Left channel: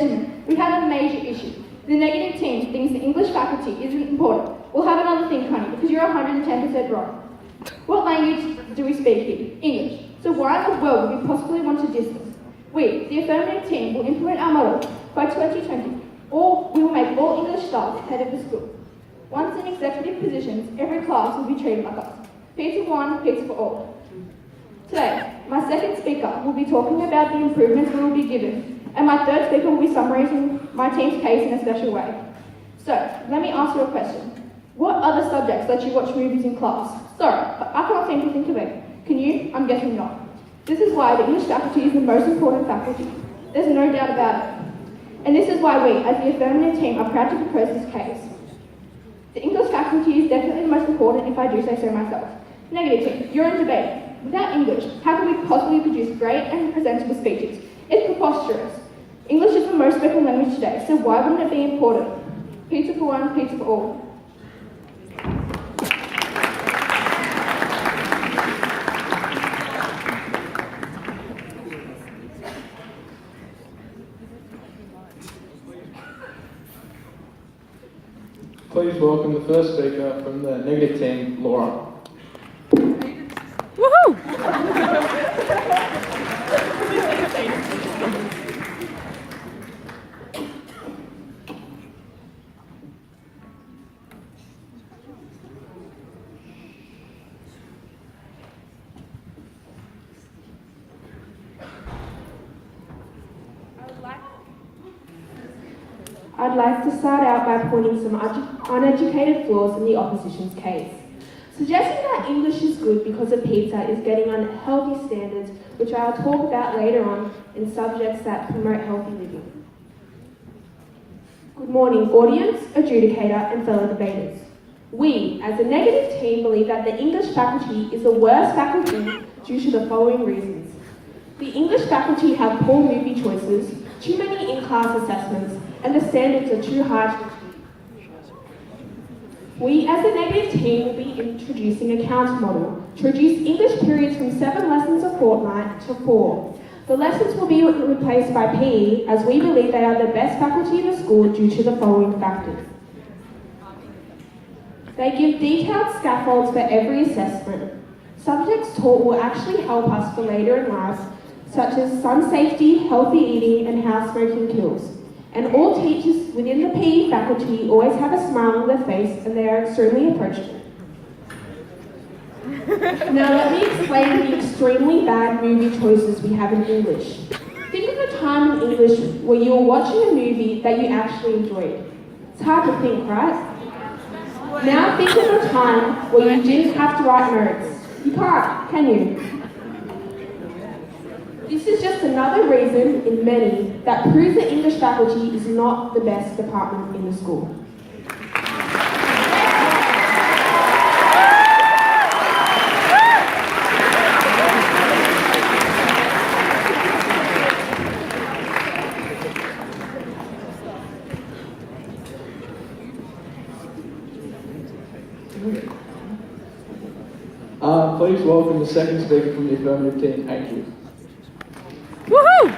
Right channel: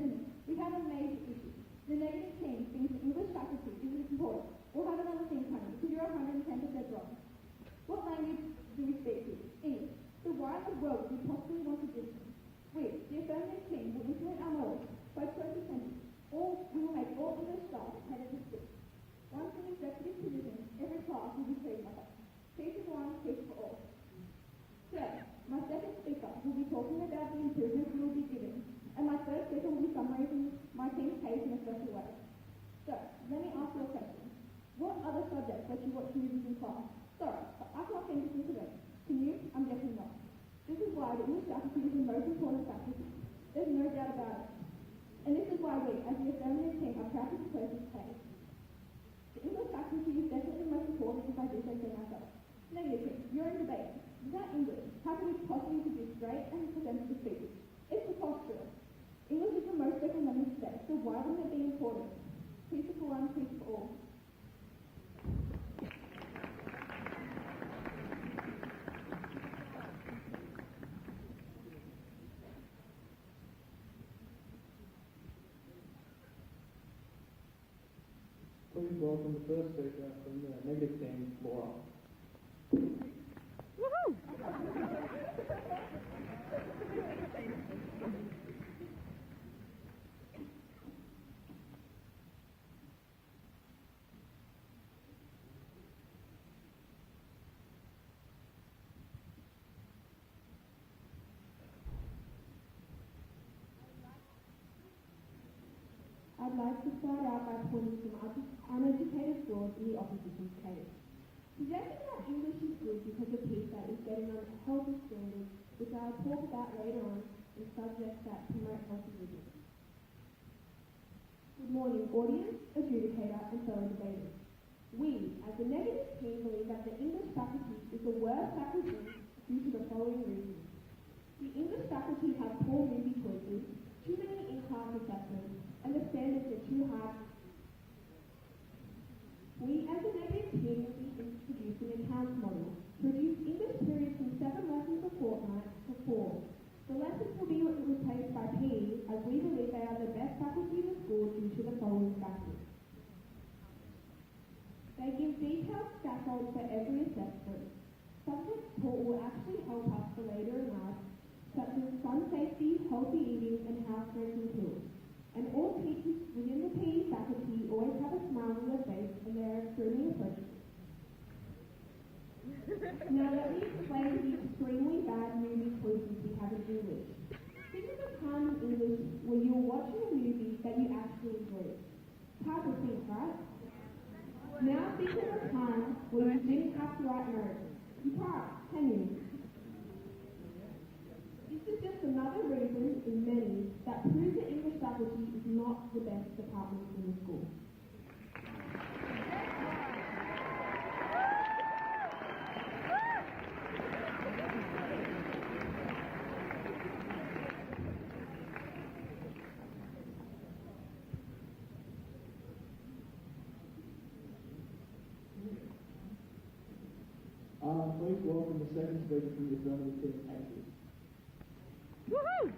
We have a major issue. The negative team thinks the English faculty isn't important. We'll have another think, honey, because you're 110% wrong. What language do we speak here? English. So why in the world would we possibly want to diss them? We, the affirmative team, will implement our model by 2020, or we will make all English staff head of the school. Once in executive positions, every class will be treated like us. Pizza for one, pizza for all. Today, my second speaker will be talking about the improvements we will be given, and my third speaker will be summarising my team's case in a special way. So, let me ask you a question. What other subjects let you watch movies in class? Sorry, but I can't seem to think of it. Can you? I'm guessing not. This is why the English faculty is the most important faculty. There's no doubt about it. And this is why we, as the affirmative team, are proud to propose this case. The English faculty is definitely the most important if I do say so myself. Negative team, you're in debate. Without English, how can we possibly produce great and presentable speeches? It's preposterous. English is the most spoken language today, so why wouldn't it be important? Pizza for one, pizza for all. Please welcome the first speaker from the negative team, Laura. Woohoo! I'd like to start out by pointing some uneducated flaws in the opposition's case. Suggesting that English is good because of pizza is getting unhealthy standards, which I'll talk about later on in subjects that promote healthy living. Good morning, audience, adjudicator, and fellow debaters. We, as a negative team, believe that the English faculty is the worst faculty due to the following reasons. The English faculty have poor movie choices, too many in-class assessments, and the standards are too hard. We, as a negative team, will be introducing a counter model to reduce English periods from 7 lessons a fortnight to 4. The lessons will be replaced by PE, as we believe they are the best faculty in the school due to the following factors. They give detailed scaffolds for every assessment. Subjects taught will actually help us for later in life, such as sun safety, healthy eating, and how smoking kills. And all teachers within the PE faculty always have a smile on their face and they are extremely approachable. Now let me explain the extremely bad movie choices we have in English. Think of a time in English where you were watching a movie that you actually enjoyed. It's hard to think, right? Now think of a time where you didn't have to write notes. You can't, can you? This is just another reason, in many, that proves the English faculty is not the best department in the school. Please welcome the second speaker from the affirmative team, Andrew. Woohoo!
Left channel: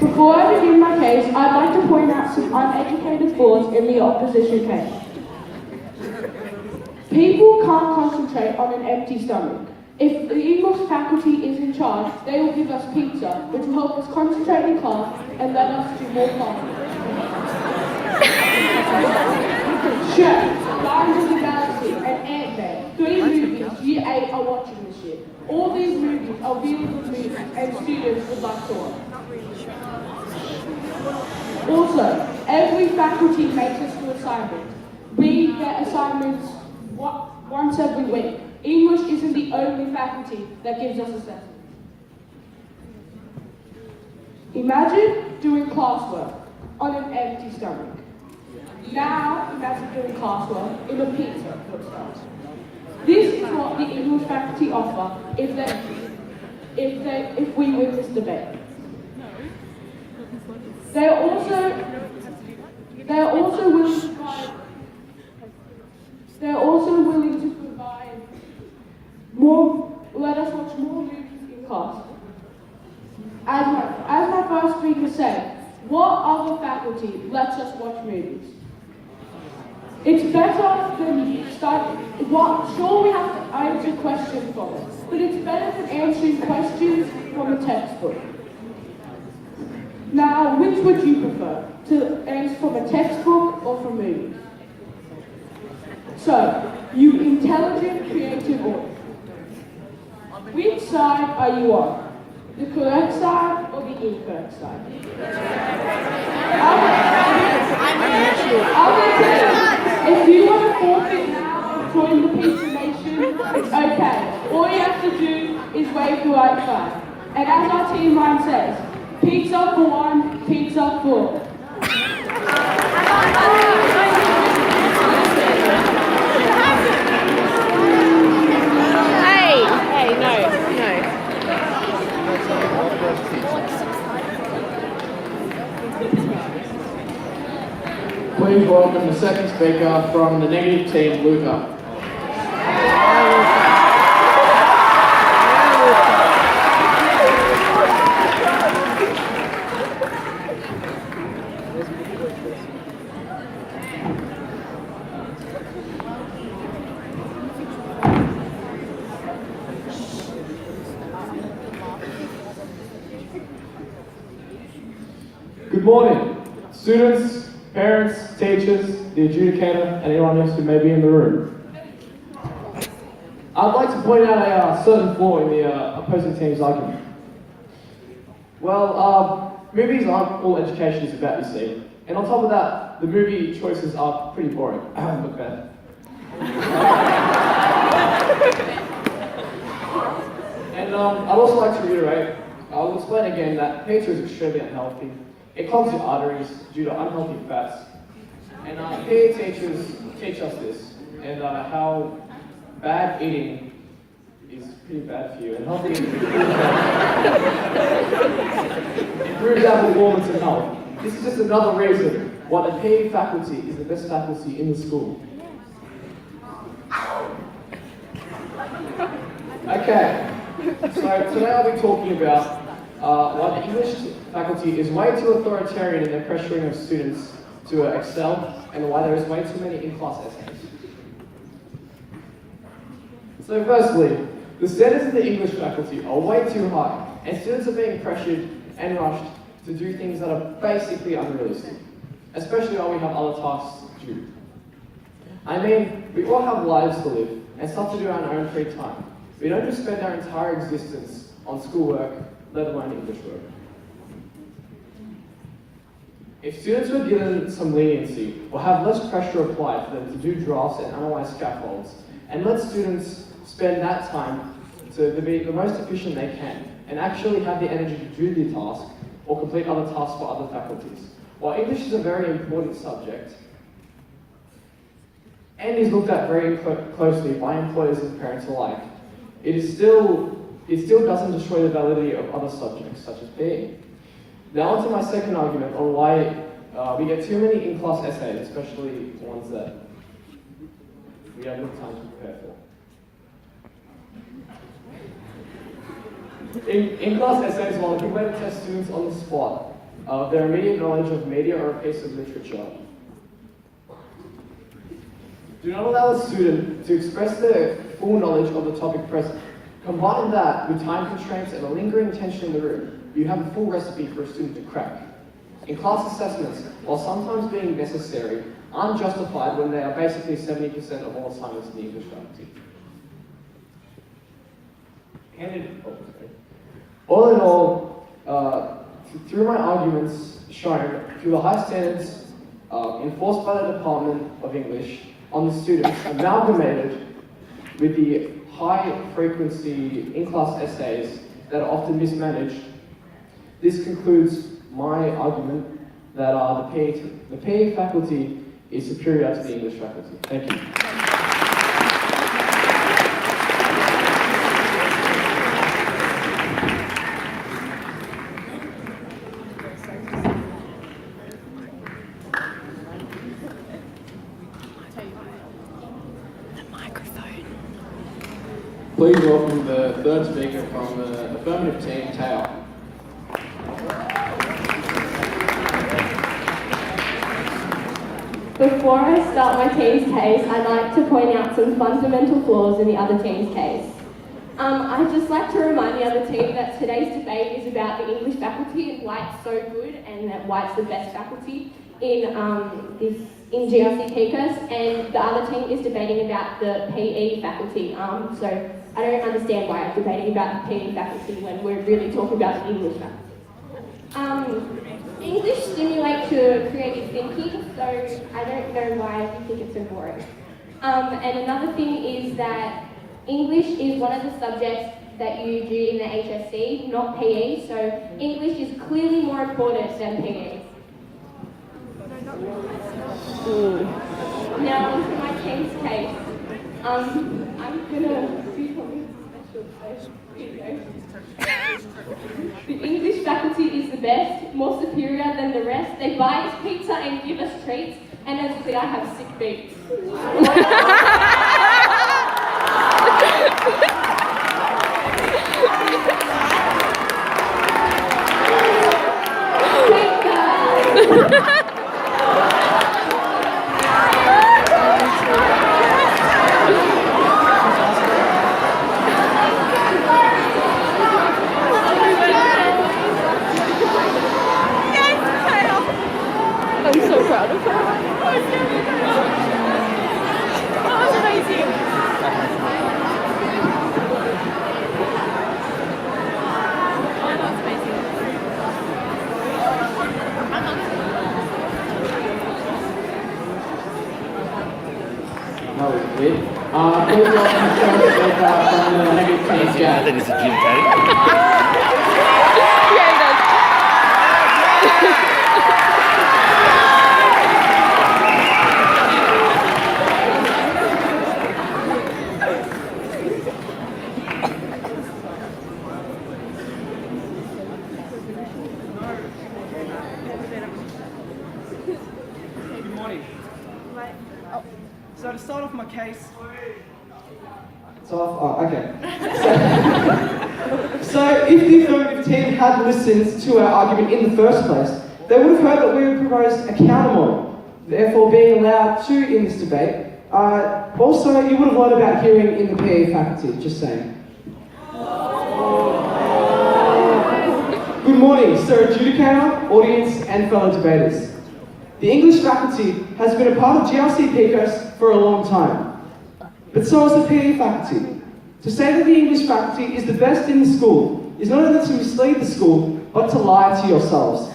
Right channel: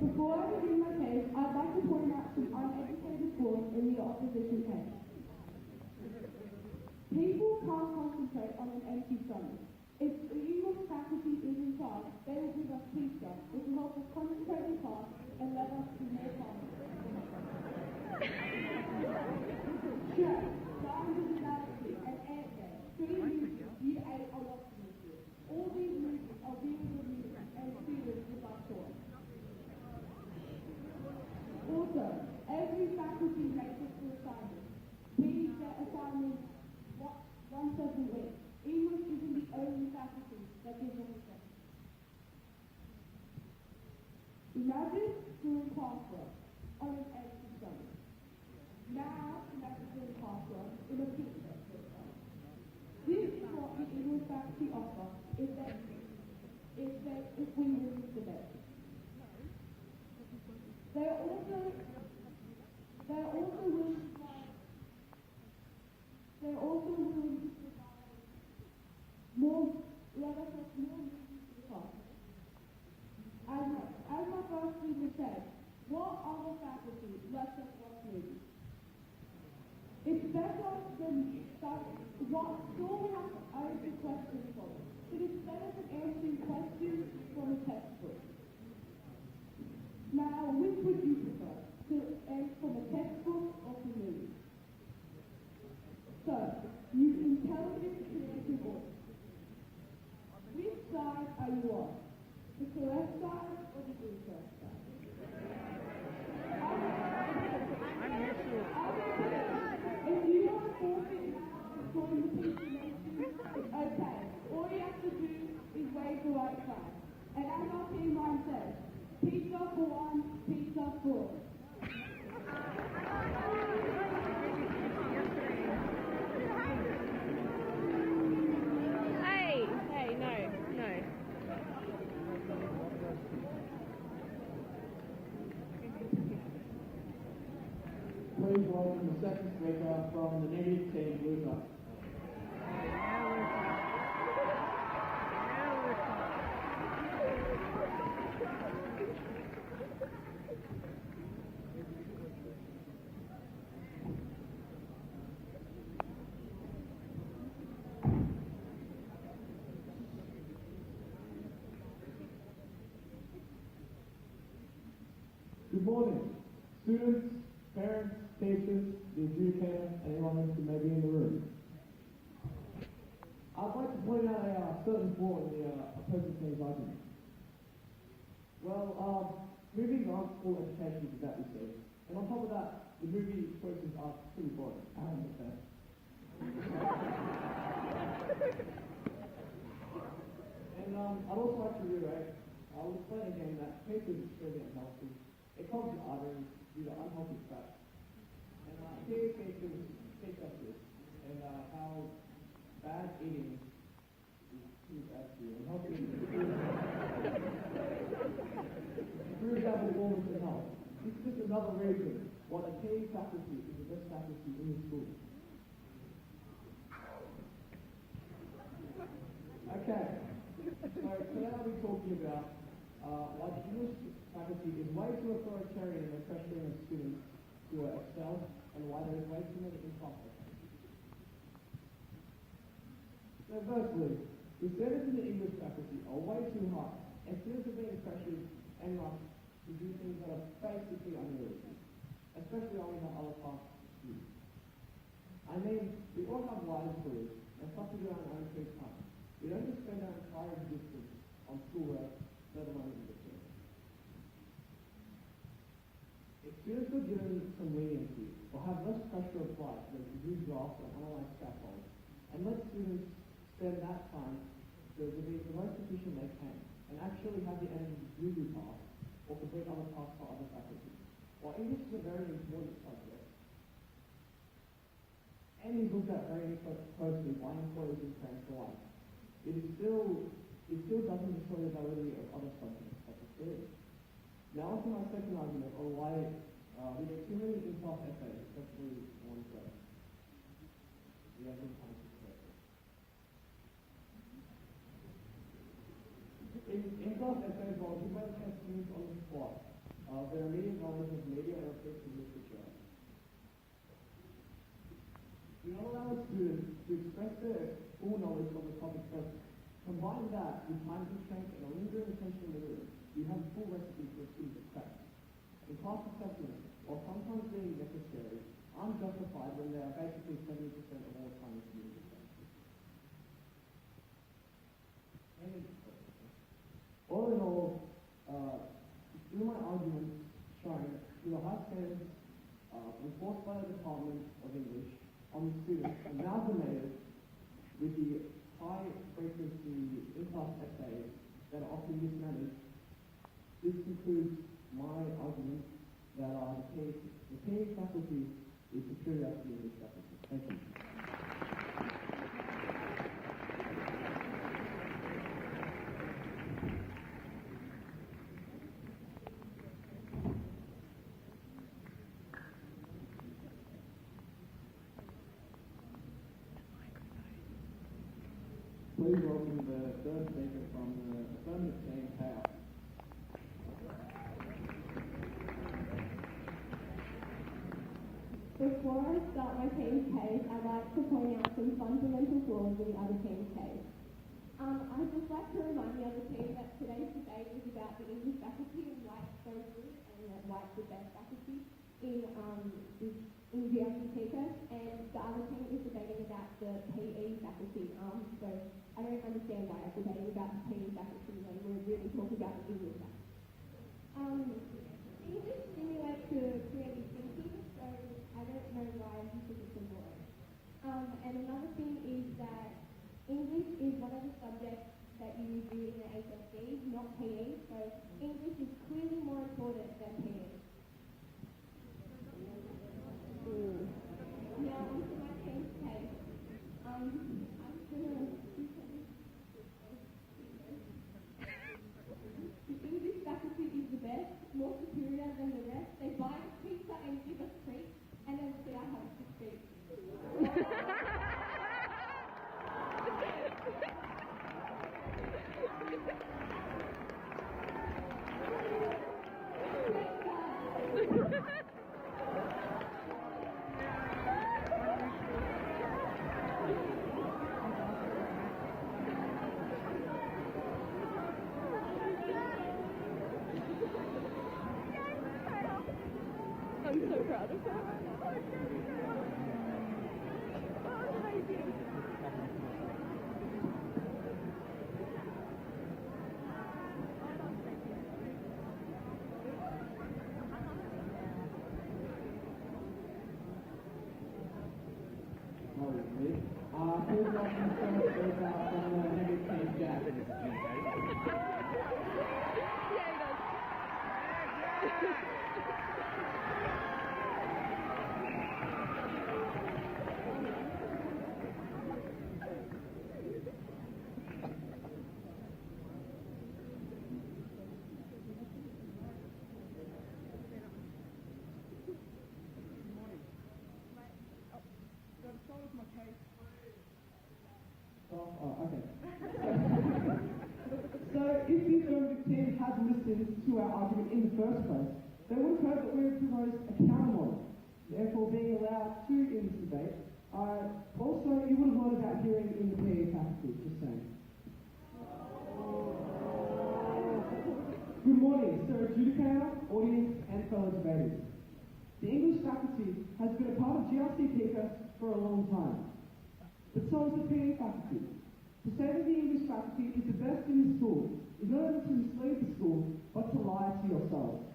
Before I begin my case, I'd like to point out some uneducated flaws in the opposition case. People can't concentrate on an empty stomach. If the English faculty is in charge, they will give us pizza, which will help us concentrate in class and let us do more classes. Sure, Guardians of the Galaxy and Ant-Man, 3 movies Year 8 are watching this year. All these movies are really good movies and students would like to watch. Also, every faculty makes us do assignments. We get assignments once every week. English isn't the only faculty that gives us assessments. Imagine doing classwork on an empty stomach. Now imagine doing classwork in a pizza, for starters. This is what the English faculty offer if they if we win this debate. They are also willing to provide more, let us watch more movies in class. As my first speaker said, what other faculty lets us watch movies? It's better than sure we have to answer questions from it, but it's better than answering questions from a textbook. Now, which would you prefer? To answer from a textbook or from movies? So, you intelligent, creative audience. Which side are you on? The correct side or the incorrect side? If you want to forfeit now, join the Pizza Nation, it's okay. All you have to do is wait for right side. And as our team line says, pizza for one, pizza for all. Hey, no. Please welcome the second speaker from the negative team, Luca. Good morning, students, parents, teachers, the adjudicator, and anyone else who may be in the room. I'd like to point out a certain flaw in the opposing team's argument. Well, movies aren't all education is about, you see. And on top of that, the movie choices are pretty boring. Look bad. And I'd also like to reiterate, I'll explain again that pizza is extremely unhealthy. It clogs your arteries due to unhealthy fats. And PE teachers teach us this, and how bad eating is pretty bad for you, and healthy eating improves our performance and health. This is just another reason why the PE faculty is the best faculty in the school. Okay, so today I'll be talking about why the English faculty is way too authoritarian in their pressuring of students to excel, and why there is way too many in-class essays. So firstly, the standards of the English faculty are way too high, and students are being pressured and rushed to do things that are basically unrealistic, especially while we have other tasks due. I mean, we all have lives to live, and stuff to do in our own free time. We don't just spend our entire existence on schoolwork, let alone English work. If students were given some leniency, or have less pressure applied for them to do drafts and analyze scaffolds, and let students spend that time to be the most efficient they can, and actually have the energy to do the task, or complete other tasks for other faculties. While English is a very important subject, and is looked at very closely by employers and parents alike, it still doesn't destroy the validity of other subjects, such as PE. Now on to my second argument on why we get too many in-class essays, especially ones that we have little time to prepare for. In-class essays, while a good way to test students on the spot, their immediate knowledge of media or a piece of literature, do not allow a student to express their full knowledge of the topic present. Combine that with time constraints and a lingering tension in the room, you have a full recipe for a student to crack. In-class assessments, while sometimes being necessary, aren't justified when they are basically 70% of all assignments in the English faculty. All in all, through my arguments shown, through the high standards enforced by the Department of English on the students, amalgamated with the high-frequency in-class essays that are often mismanaged, this concludes my argument that the PE faculty is superior to the English faculty. Thank you. third speaker from the affirmative team, Tao. Before I start my team's case, I'd like to point out some fundamental flaws in the other team's case. I'd just like to remind the other team that today's debate is about the English faculty and why it's so good and that why it's the best faculty in GRC PCAS, and the other team is debating about the PE faculty. So I don't understand why I'm debating about the PE faculty when we're really talking about the English faculty. English stimulates your creative thinking, so I don't know why you think it's so boring. And another thing is that English is one of the subjects that you do in the HSC, not PE, so English is clearly more important than PE. Now onto my team's case. I'm gonna do something special, so here we go. The English faculty is the best, more superior than the rest. They buy us pizza and give us treats, and as I said, I have sick beats. I'm so proud of her. That was amazing. Oh, that's amazing. That was weird. Please welcome the first speaker from the negative team, Jack. That is a gym tank. Yeah, he does. Good morning. So to start off my case, Okay. So if the affirmative team had listened to our argument in the first place, they would have heard that we would propose a counter model, therefore being allowed to in this debate. Also, you would have learned about hearing in the PE faculty, just saying. Good morning, Sir Adjudicator, audience, and fellow debaters. The English faculty has been a part of GRC PCAS for a long time. But so is the PE faculty. To say that the English faculty is the best in the school is not only to mislead the school, but to lie to yourselves.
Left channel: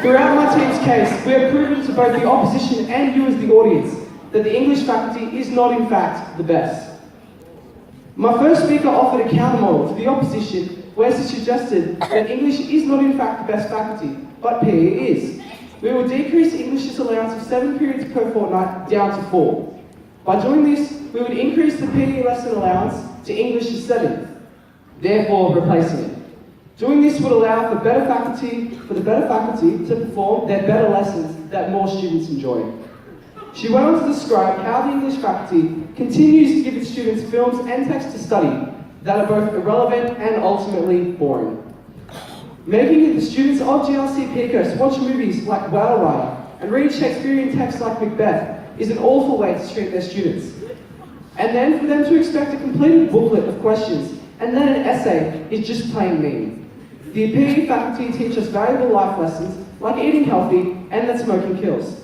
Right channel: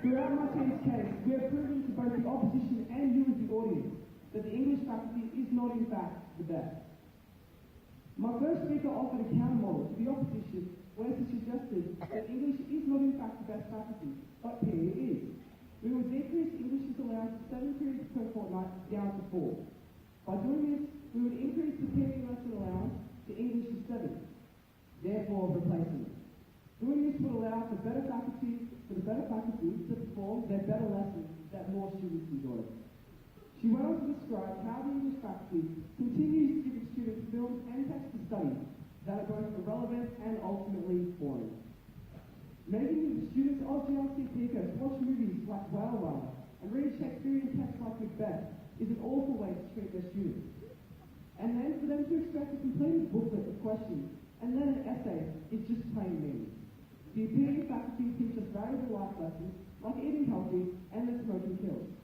Throughout my team's case, we have proven to both the opposition and you as the audience that the English faculty is not in fact the best. My first speaker offered a counter model to the opposition where she suggested that English is not in fact the best faculty, but PE is. We will decrease English's allowance of 7 periods per fortnight down to 4. By doing this, we would increase the PE lesson allowance to English's 7, therefore replacing it. Doing this would allow for the better faculty to perform their better lessons that more students enjoy. She went on to describe how the English faculty continues to give its students films and text to study that are both irrelevant and ultimately boring. Making it the students of GRC PCAS watch movies like Whale Rider and read Shakespearean texts like Macbeth is an awful way to treat their students. And then for them to expect a completed booklet of questions and then an essay is just plain mean. The PE faculty teach us valuable life lessons like eating healthy and that smoking kills.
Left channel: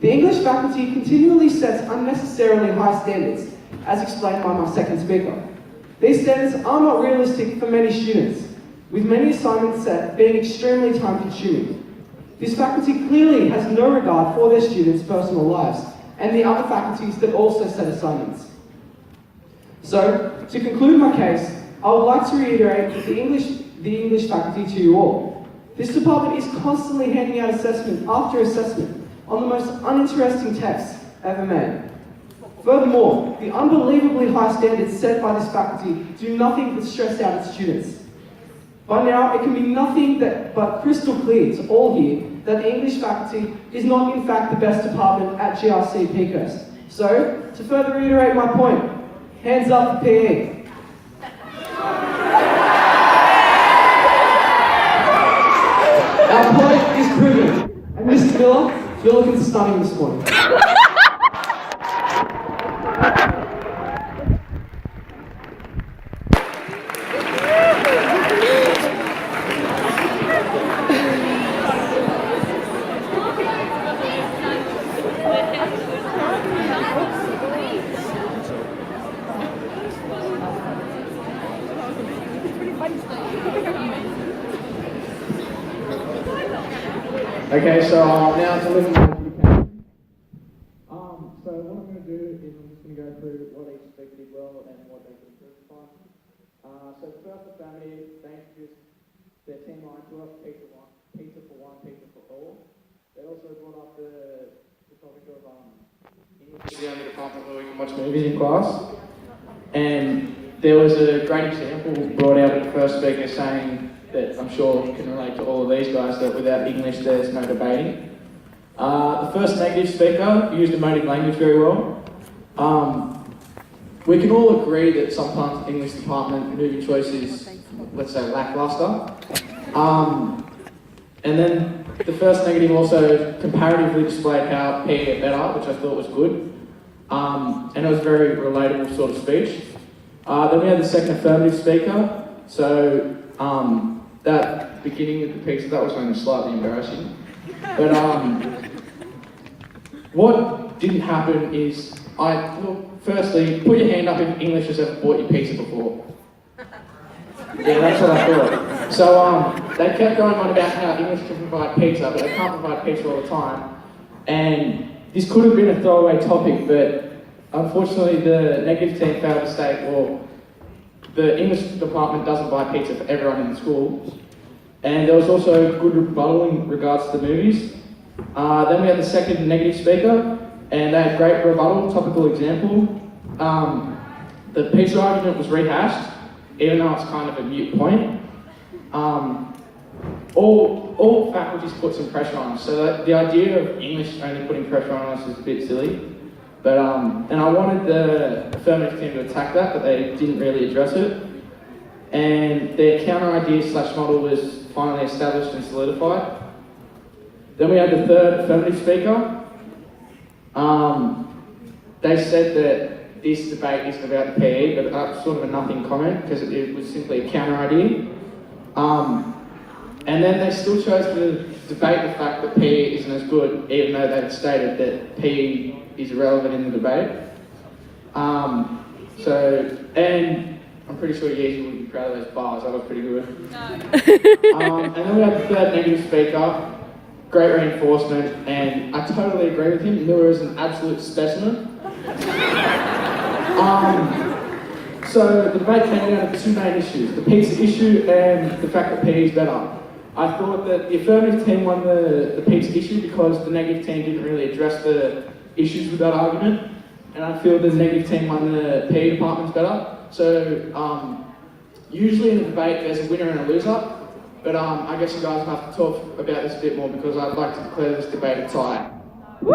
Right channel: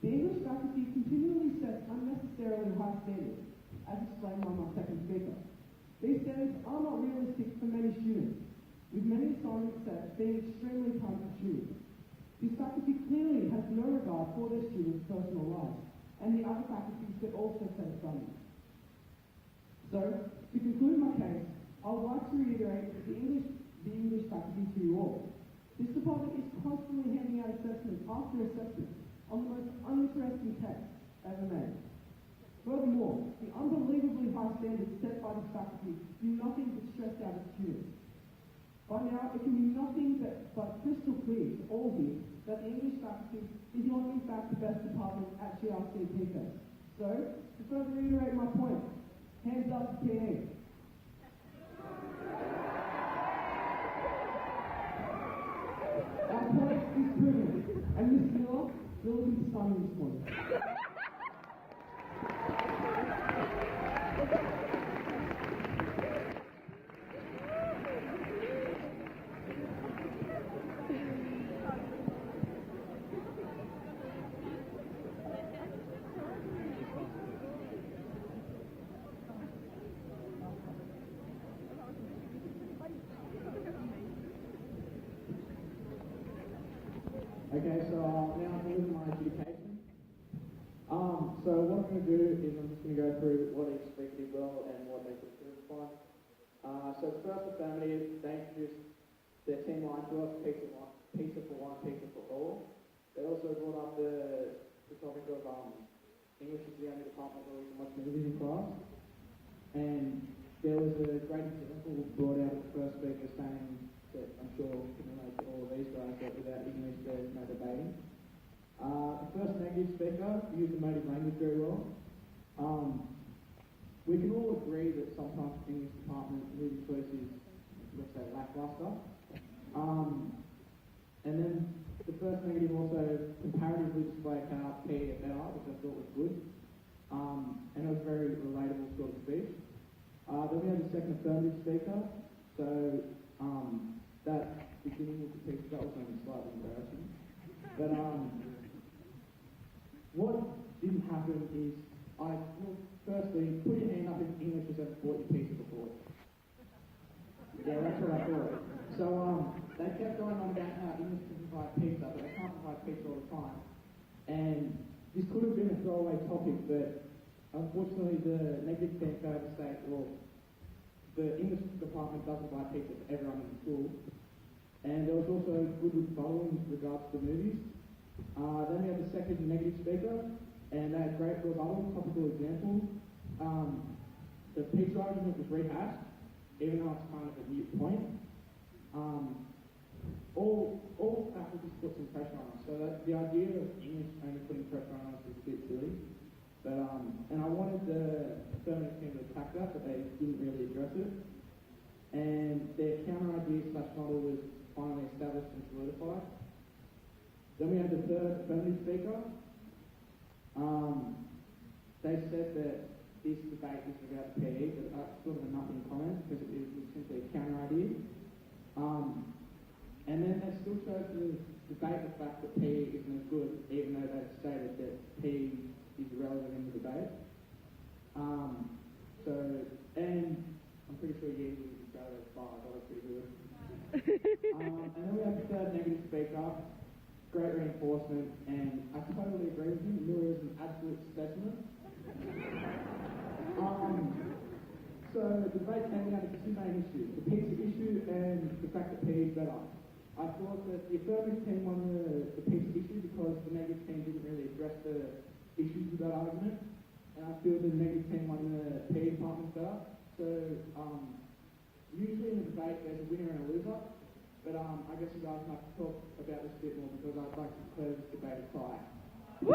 The English faculty continually sets unnecessarily high standards, as explained by my second speaker. These standards are not realistic for many students, with many assignments set being extremely time-consuming. This faculty clearly has no regard for their students' personal lives, and the other faculties that also set assignments. So, to conclude my case, I would like to reiterate the English faculty to you all. This department is constantly handing out assessment after assessment on the most uninteresting texts ever made. Furthermore, the unbelievably high standards set by this faculty do nothing but stress out its students. By now, it can be nothing but crystal clear to all here that the English faculty is not in fact the best department at GRC PCAS. So, to further reiterate my point, hands up for PE. You're looking stunning this morning. Okay, so now to listen to the pen. So what I'm going to do is I'm just going to go through what each speaker did well and what they could improve upon. So throughout the family, they introduced their team line to us, pizza for one, pizza for all. They also brought up the topic of English is the only department where we can watch movies in class. And there was a great example brought out at the first speaker saying that I'm sure can relate to all of these guys, that without English there's no debating. The first negative speaker used emotive language very well. We can all agree that sometimes English department movie choice is, let's say, lackluster. And then the first negative also comparatively displayed how PE get better, which I thought was good. And it was a very relatable sort of speech. Then we had the second affirmative speaker. So that beginning of the piece, that was only slightly embarrassing. But what didn't happen is, firstly, put your hand up if English has ever bought you pizza before. Yeah, that's what I thought. So they kept going on about how English can provide pizza, but they can't provide pizza all the time. And this could have been a throwaway topic, but unfortunately the negative team failed to state, well, the English department doesn't buy pizza for everyone in the school. And there was also good rebuttal in regards to the movies. Then we had the second negative speaker, and they had great rebuttal, topical example. The pizza argument was rehashed, even though it's kind of a mute point. All faculties put some pressure on us, so the idea of English only putting pressure on us is a bit silly. But and I wanted the affirmative team to attack that, but they didn't really address it. And their counter idea / model was finally established and solidified. Then we had the third affirmative speaker. They said that this debate isn't about the PE, but that's sort of a nothing comment because it was simply a counter idea. And then they still chose to debate the fact that PE isn't as good, even though they'd stated that PE is irrelevant in the debate. And I'm pretty sure Yeezy would be proud of those bars, that was pretty good. And then we had the third negative speaker, great reinforcement, and I totally agree with him. Miller is an absolute specimen. So the debate came down to two main issues, the pizza issue and the fact that PE is better. I thought that the affirmative team won the pizza issue because the negative team didn't really address the issues with that argument, and I feel the negative team won the PE department's better. So usually in a debate there's a winner and a loser, but I guess you guys will have to talk about this a bit more because I'd like to declare this debate a tie. Woo!